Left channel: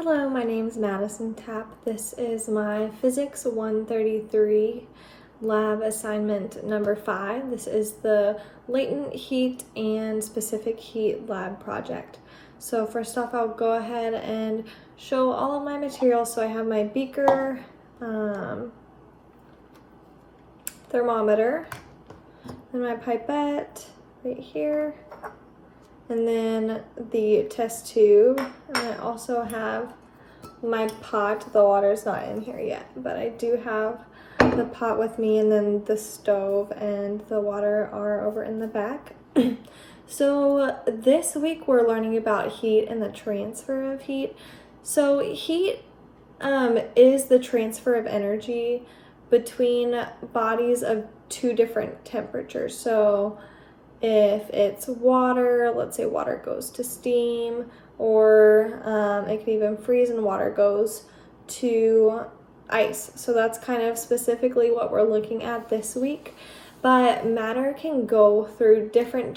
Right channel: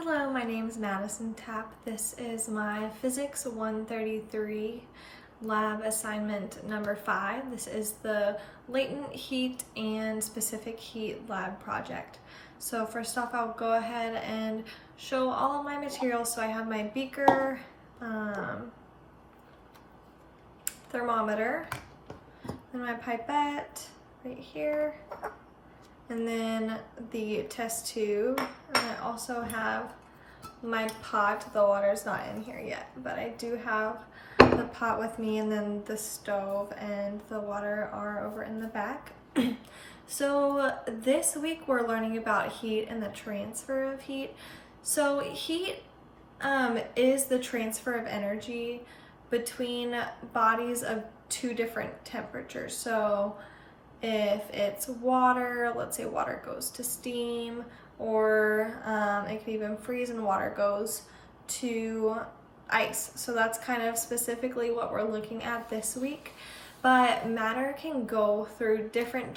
Hello, my name is Madison Tapp. This is my Physics 133 lab assignment number 5. This is the latent heat and specific heat lab project. So first off, I'll go ahead and show all of my materials. So I have my beaker, thermometer, and my pipette right here, and then the test tube. And I also have my pot. The water's not in here yet, but I do have the pot with me, and then the stove and the water are over in the back. So this week we're learning about heat and the transfer of heat. So heat is the transfer of energy between bodies of two different temperatures. So if it's water, let's say water goes to steam, or it can even freeze and water goes to ice. So that's kind of specifically what we're looking at this week. But matter can go through different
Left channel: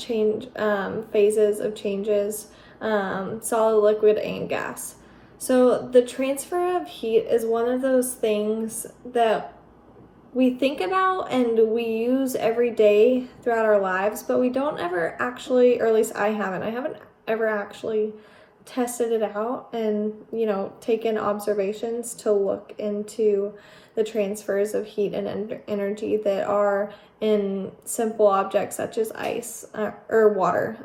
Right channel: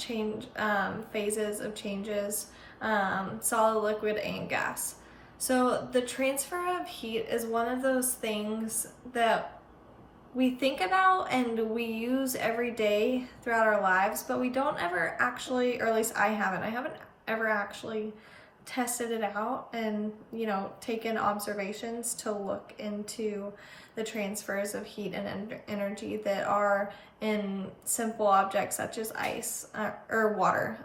phases of changes, solid, liquid, and gas. So the transfer of heat is one of those things that we think about and we use every day throughout our lives, but we don't ever actually, or at least I haven't ever actually tested it out and, taken observations to look into the transfers of heat and energy that are in simple objects such as ice or water.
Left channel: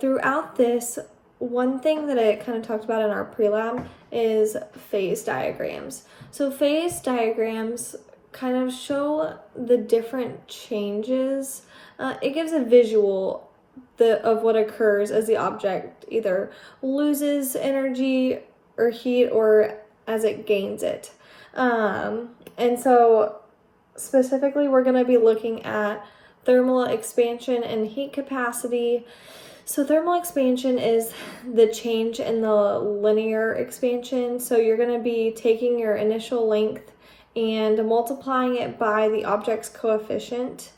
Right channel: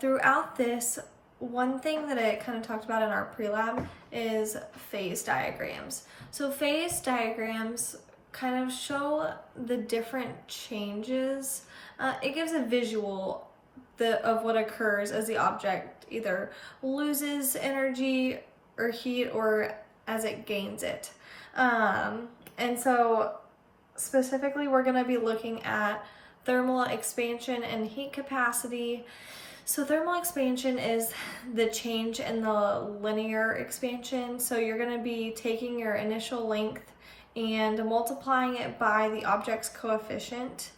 Throughout this, one thing that I kind of talked about in our pre-lab is phase diagrams. So phase diagrams kind of show the different changes. It gives a visual of what occurs as the object either loses energy or heat or as it gains it. And so specifically, we're going to be looking at thermal expansion and heat capacity. So thermal expansion is the change in the linear expansion. So you're going to be taking your initial length and multiplying it by the object's coefficient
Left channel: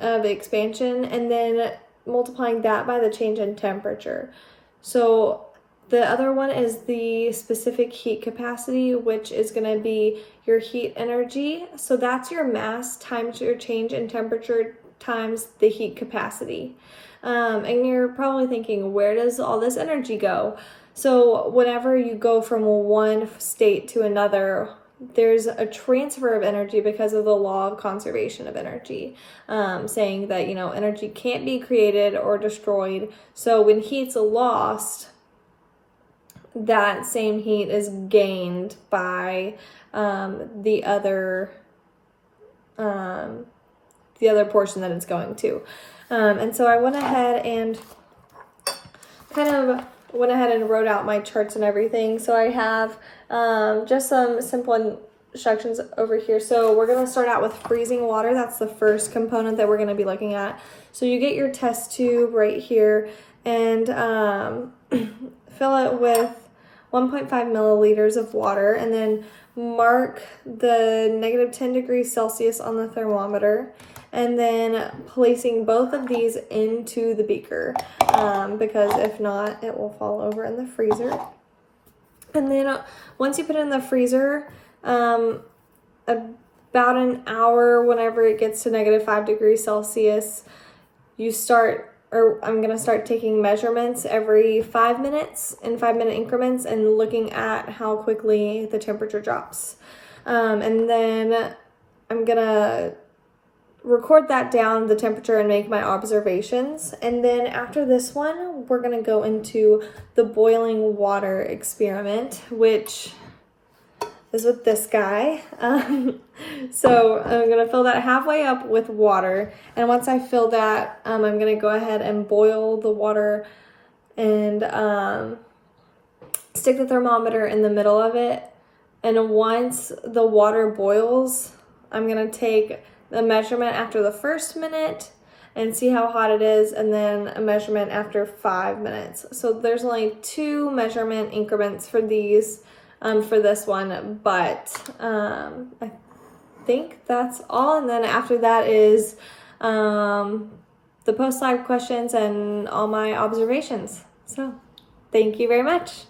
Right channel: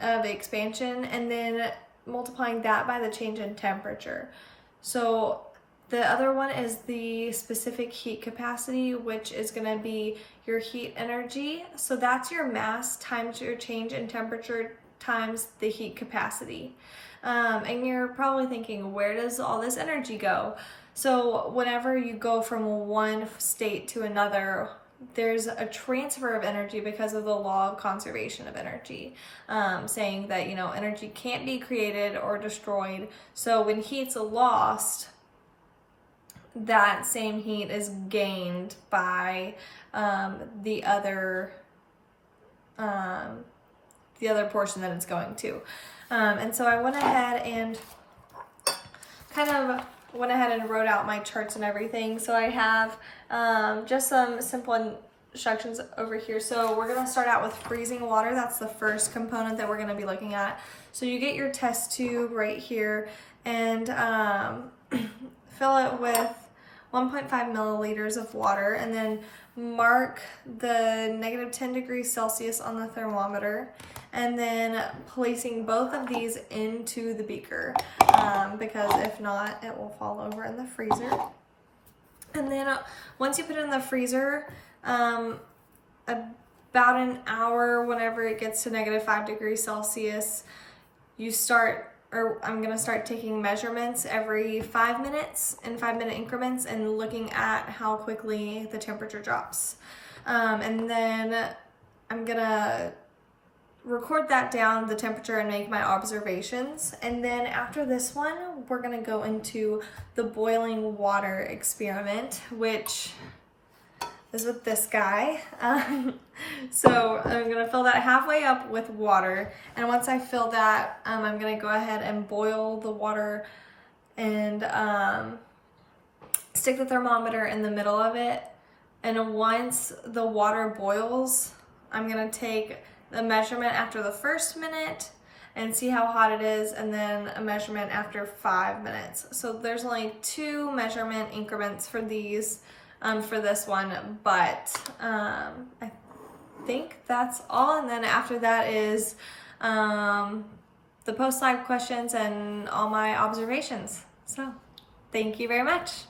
of expansion, and then multiplying that by the change in temperature. So the other one is the specific heat capacity, which is going to be your heat energy. So that's your mass times your change in temperature times the heat capacity. And you're probably thinking, where does all this energy go? So whenever you go from one state to another, there's a transfer of energy because of the law of conservation of energy, saying that, energy can't be created or destroyed. So when heat's lost, that same heat is gained by the other portion that it's going to. And so I went ahead and wrote out my charts and everything. So I have just some simple instructions over here. So we're going to start out with freezing water. That's the first component that we're going to be looking at. So you get your test tube right here and fill it with 1.5 milliliters of water, and then mark the negative 10 degrees Celsius on the thermometer, and then placing both of these into the beaker, because if not, it will fall over in the freezer. And then once you put it in the freezer, about an hour, whenever it gets to negative 5 degrees Celsius, I'm gonna start taking measurements every 5 minutes in 5-minute increments and looking at how quickly the temperature drops. And then I'm gonna record that down, the temperature, and make my observations. And then after this one, we're gonna go into the boiling water experiment, which is with this guy. So I'm gonna fill that halfway up with water, and once I fill that, I'm gonna go ahead and boil the water and stick the thermometer in the middle of it. And once the water boils, I'm gonna take a measurement after the first minute and see how hot it is, and then a measurement after 5 minutes. So there's only 2 measurement increments for these, for this one, but I think that's all. And then after that is the post-lab questions and all my observations. So thank you very much.